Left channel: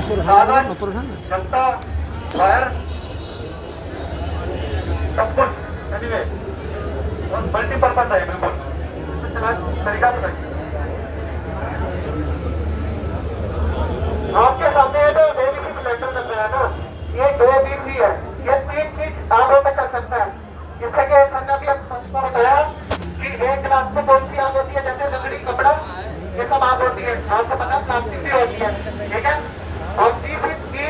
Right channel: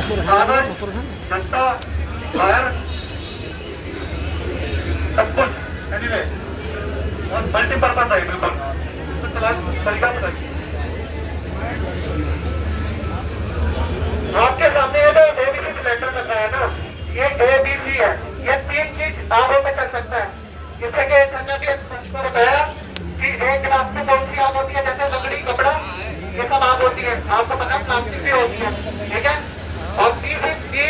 कागज, जनता, फायर, सब कुछ एनीवे और मल्टीपर्पज है बिल्कुल। इससे चला तरीका बताइए। आपके सामने ये तो एबीसी सिलेंडर लग रहा है ना, ये एबीसी है, ये 3 चीज आगे पे कर सकता है। जैसे कि संजय भी आपको बताया कि एक गिलास में कौन सी आग होती है, जैसे लकड़ी, कपड़ा, ये सब आग होती है। आपको पता है प्लास्टिक भी होती है, ठीक है। और बी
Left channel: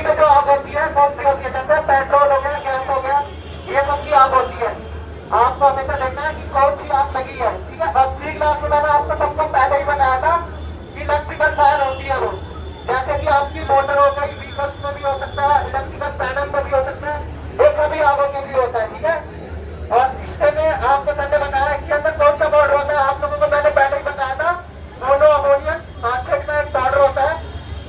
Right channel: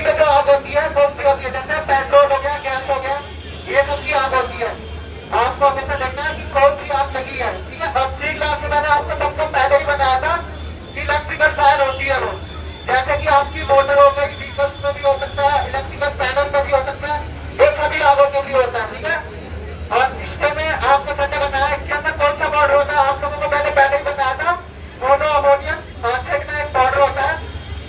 में जो आग होती है कौन सी होती है, जैसे पेट्रोल हो गया, गैस हो गया, ये सब की आग होती है। आपको हमेशा देखना है कि कौन सी आग लगी है, ठीक है। और सी क्लास में मैंने आपको सबको पहले ही बताया था कि इलेक्ट्रिकल फायर होती है वो, जैसे कि आपकी मोटर हो गई, व्हीकल्स में भी हो सकता है, इलेक्ट्रिकल पैनल में भी हो सकता है, ये सभी आगों के लिए होता है, ठीक है। और इसके में आपको मैंने बताया इसके अंदर कौन सा पाउडर होता है, आप लोगों को मैंने पहले ही बताया था, मोनो अमोनियम नाइट्रेट का एक पाउडर होता है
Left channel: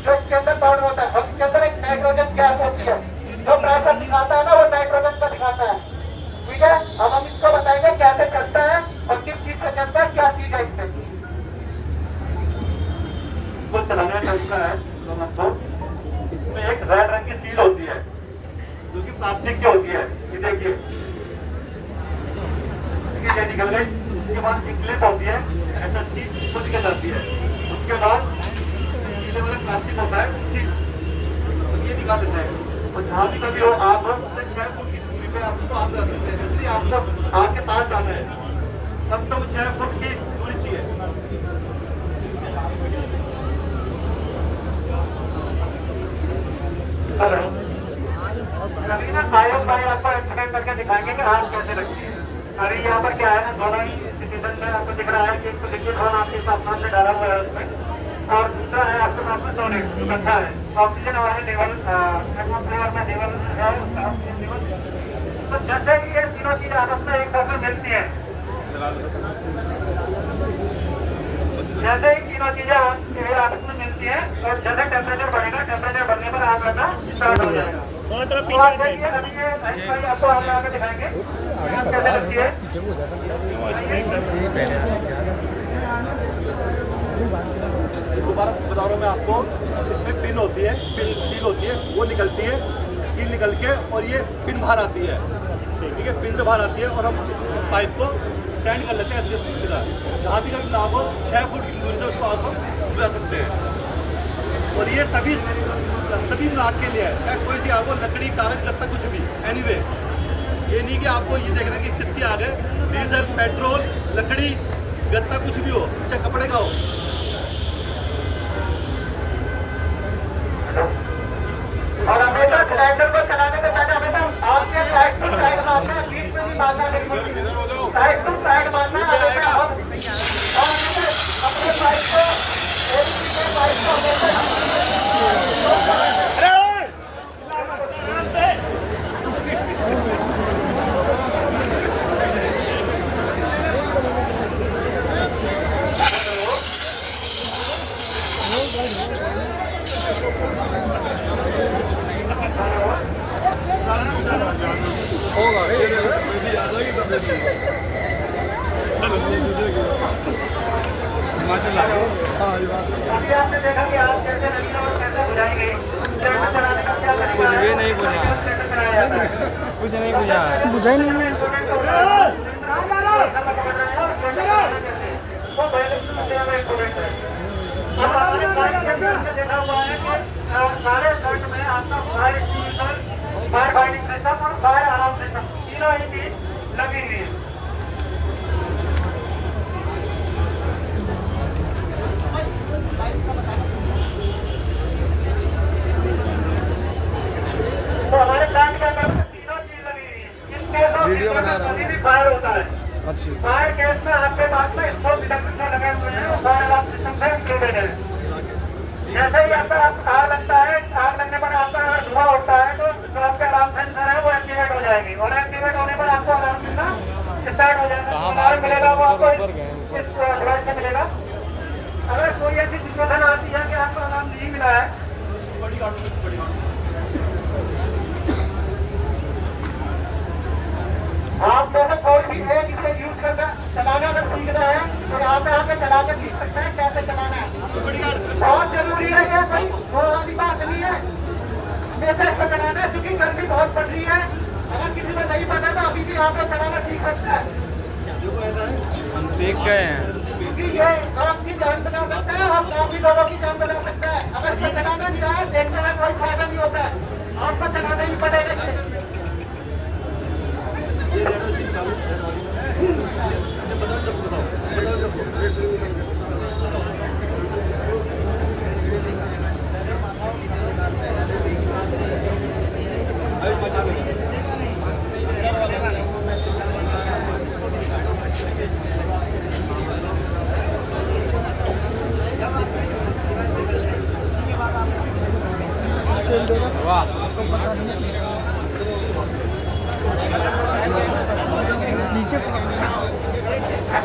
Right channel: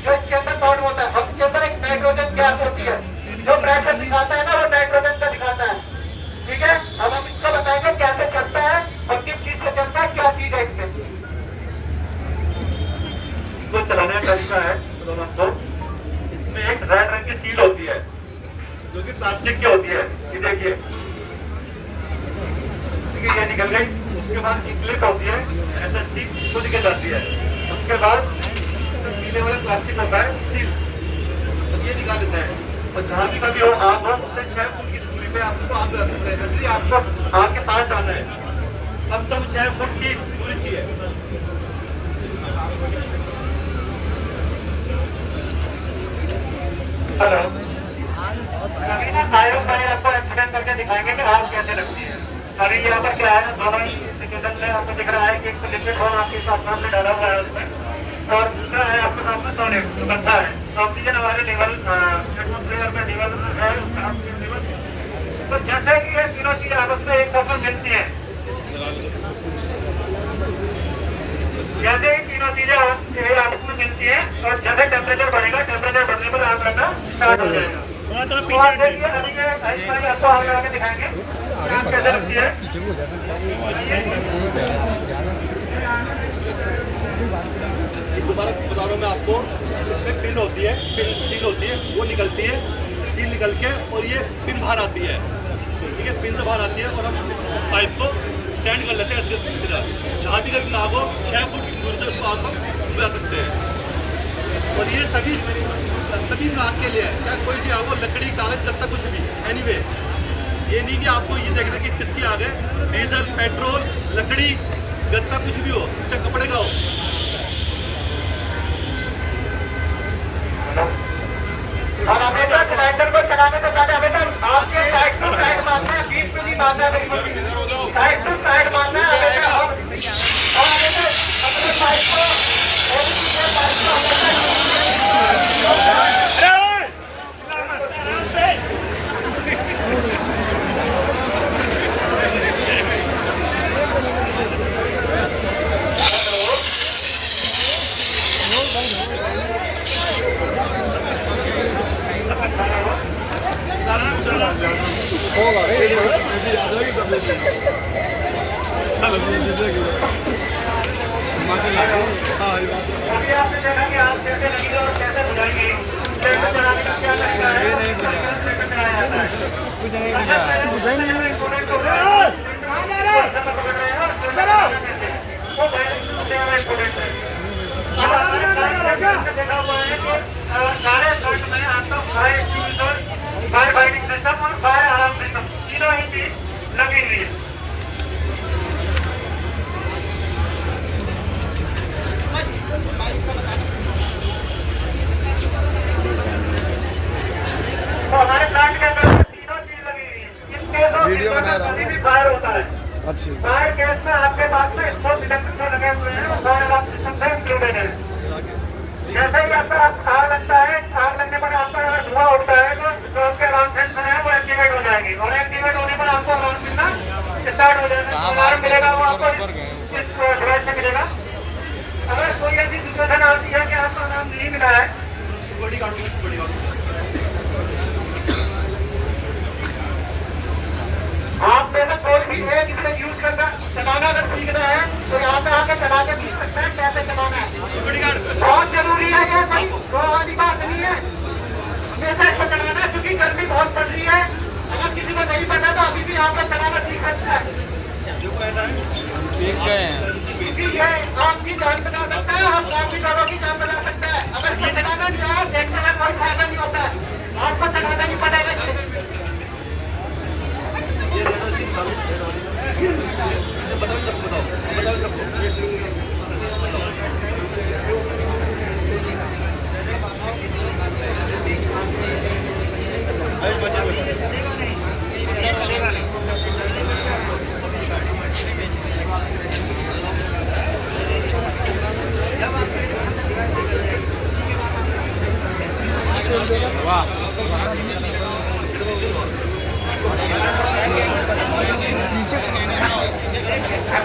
जो इसके अंदर पाउडर होता है। और इसके अंदर एक नाइट्रोजन गैस होती है, जो प्रेशर दिखाता है ना वो नाइट्रोजन का दिखाता है, ठीक है। अब हम इसको बताएंगे कैसे चलता है और किस चीज से चलता है, क्या चीज है इसमें। इसको चलाने का तरीका है तो इसमें एक रेड रंग की सील होती है जो कि प्लास्टिक की होती है, ये देखिए ये निकल गई। उसके बाद एक क्लिप होती है एसएस की, वो निकल जाती है। उसके बाद पीले वाला प्लास्टिक होता है सील, ये निकाल देता है। और जहाँ भी कभी हो आग हो उससे 6 फुट की दूरी पे आप उसको आग लगा सकते हैं। जैसे आपको आग के पास जाना है कम से कम 6 फुट की दूरी चाहिए। हेलो, अभी ना आयोग भाई आपको एक्सप्लेन करके दिखाएंगे कि आग कैसे लगती है। अभी यहाँ पर क्या है, दोनों ही सिचुएशन में आपको दिख रहा है कि एक तो लिक्विड होल आपके सामने डाला हुआ है उसमें, और दूसरा है आपके सामने सॉलिड जो गंदा है। ऑक्सीजन हमारे लेवल एटमॉस्फेयर में लेवल है उसका ऑक्सीजन लेवल। तो जैसे कि ये तीनों चीज आपस में एक साथ मिलती है, जैसे ही तीनों चीजें आपस में मिलती है और जैसे टेम्परेचर बढ़ेगा, टेम्परेचर बढ़ने पर आग लगना स्टार्ट हो जाएगा। देखिए अभी ये आपको आग लगा के दिखाएंगे आग कैसे लगती है। ये दोबारा बता रहा हूँ मैं आपको, इसमें पिन होती है, पिन सील होती है, वो निकलती है, सील निकल के और ये पिन बाहर आती है, ठीक है, पिन से बाहर आती है। और हम इस पाइप को स्टैंड कर लेते हैं इसके सीधा, जहाँ भी कभी आग हो 6 फुट की दूरी से उसको आग हम बुझा सकते हैं। और ये सभी आग के लिए है, चाहे कोई सी आग हो, लकड़ी, कागज, गत्ता, कुछ भी, एनीवे। ये नहीं कि आपको ये देखना कि किसकी आग है, डीजल, पेट्रोल, लकड़ी, गत्ता, कुछ भी हो, चाहे कपड़े का हो। और हमें सिलेंडर को चलाने को पहले हमें आपके साइड टू साइड मारना है, बीच में भी मारना है, साइड टू साइड मारना है। और अपने पाइप को आपने देखा कि आप कैसे लगेगा और कैसे बुझाएंगे, चलाने का क्या तरीका है, ये नहीं बुझाई नहीं है। देखा हुआ है कि सारे सोच में आपका फायर फाइटिंग सिस्टम और फायर अलार्म सिस्टम तीनों ही चीज लगी हुई है। तो हमारे प्लांट के अंदर तीनों चीज लगी हुई है। वीडियो बना रहा हूँ, फायर होता है। अच्छी फायर केस में आपके पास में स्मोक डिटेक्टर लगे हुए हैं, फायर अलार्म सिस्टम से इंक्लूडेड है। जैसे ही आपका आग लगता है, आग लगने पर आपका धुआं उठता है तो जो आपके अलार्म सेंसर है वो एक्टिवेट हो जाएगी, और एक्टिवेट होने पर आपको अलार्म मिलना स्टार्ट हो जाएगा। अलार्म मिलेगा वो आपको इस डिवाइस से मिलेगा। अगर कोई ऐसी सिचुएशन आती है कि आपको अलार्म नहीं मिला है, आप में से कोई भी एक इसे यूज करना चलाना अगर सीखना है तो यहाँ पे आके चला के सीख सकता है कैसे चलाना है। बहुत जरूरी है ये भाई। नहीं है, हमेशा इसको चलाना है क्योंकि गर्मी बहुत पड़ रही है। अगर किसी को नहीं पता तो अभी भी यहाँ पे चलाना सीख सकता है क्योंकि ये आपकी जान बचा सकता है, हम आपकी दोनों की जान बचा सकता है। अगर ये चलाना नहीं आया देखने का कोई फायदा नहीं होता है, आपको चलाना ही पड़ेगा। बताओ सबको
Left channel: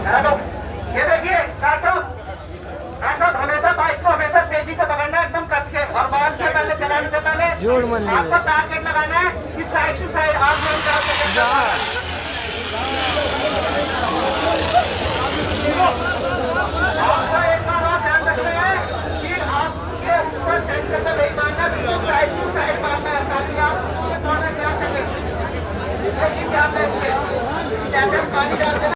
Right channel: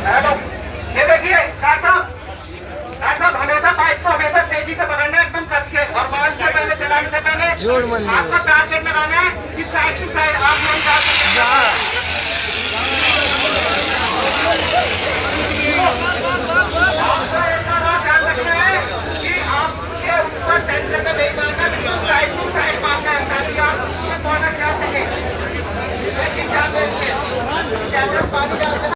हेलो, ये देखिए डॉक्टर साहब, हमेशा बाइक को हमेशा तेजी से पकड़ना है, एकदम कस के, और बाल से पहले चलाने से पहले जोड़ मन आपको टारगेट लगाना है कि साइड टू साइड आप नहीं जा सकते। आपको एक बात ध्यान रखना है कि आपके ऊपर टेंशन में नहीं मारना, बिल्कुल साइड टू साइड मारना है ताकि आप ये कॉर्नर जा सके। लेकिन क्या कहते हैं, पानी डाल